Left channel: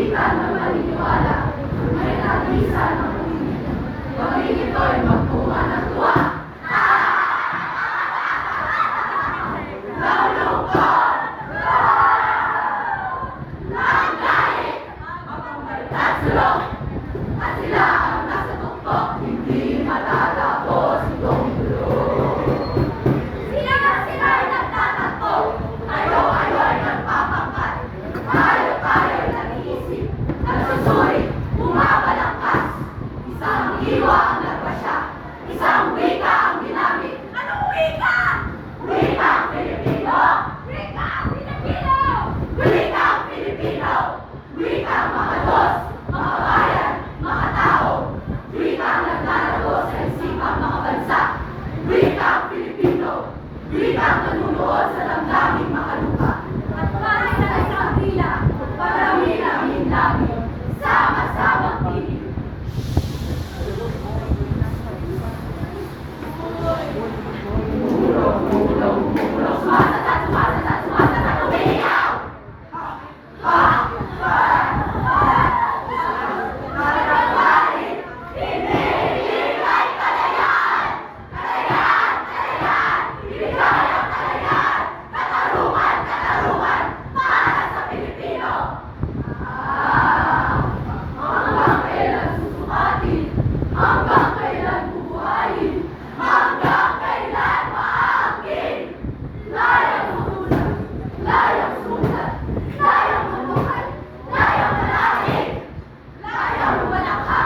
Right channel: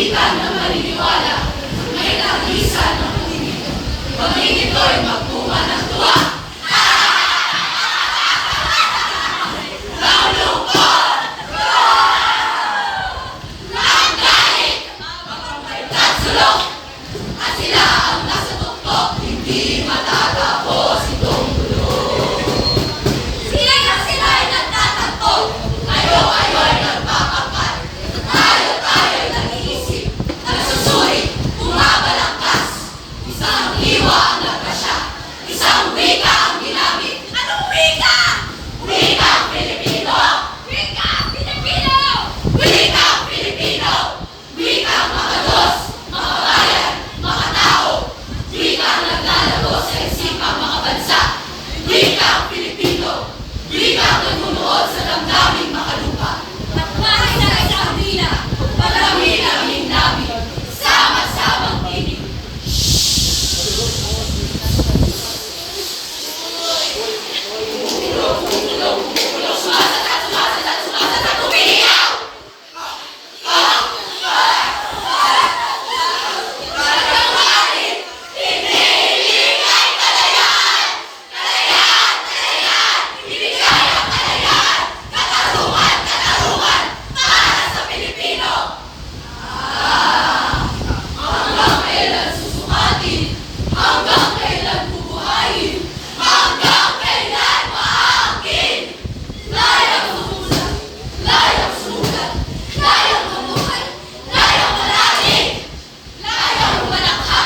wika na maniniwala, may nag-isa na matinito. Paging ito'y magpunga ng tuwa. At sila ang nasa tuktok, hindi matatapos itong gulo. Sila ay nagtatanto, kayo-kayo'y nagpapapat. Tayo-tayo'y nag-iisip, nagsusuri, bumabalangkas. Isang hiwa ang nagpasya, isang wika ang ginamit. Anong wika? Wikang Pilipino! Wikang Pilipino! Wikang Pilipino! Wikang makados! Makabayan, makatao, wikang naglalago sa isipang mga bansa, wikang Pilipino, wikang nagmunuot sa damdaming makalupa. Takmahay na isang dila, parami naming nabi, sama-samang tinig. Umulong, sumasatat, umiiyaw! Hanggang kailan bubuhayin? Hanggang kailan maangkin? Layang sumulat, layang sumulat, layang mamuhay, layang malaki, layang manakha.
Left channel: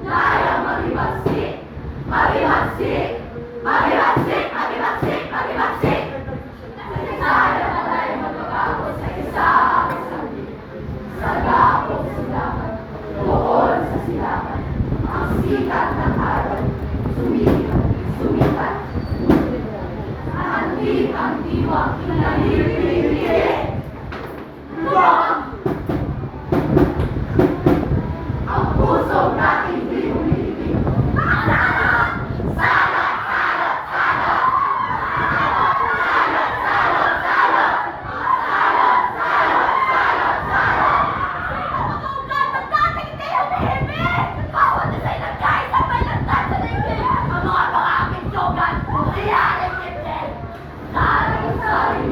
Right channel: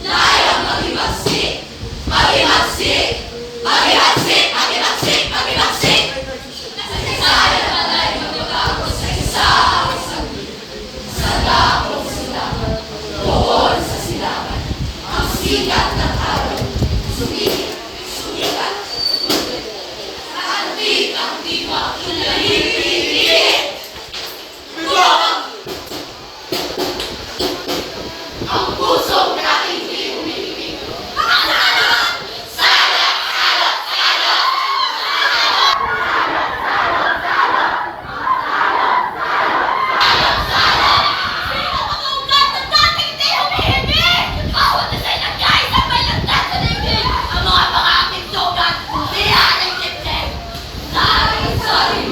Layang maghimagsik, maghimagsik, maghimagsik, maghimagsik, maghimagsik. Sayang alay magbabago sa isang sa dakong silangan, doon sa silangan, ang sikat ng araw, sumikat, antig ang diwa, naipilit. Ang pusong natin di umibig. Ang mga pangaking sugat, iyan ang dibdib. Sari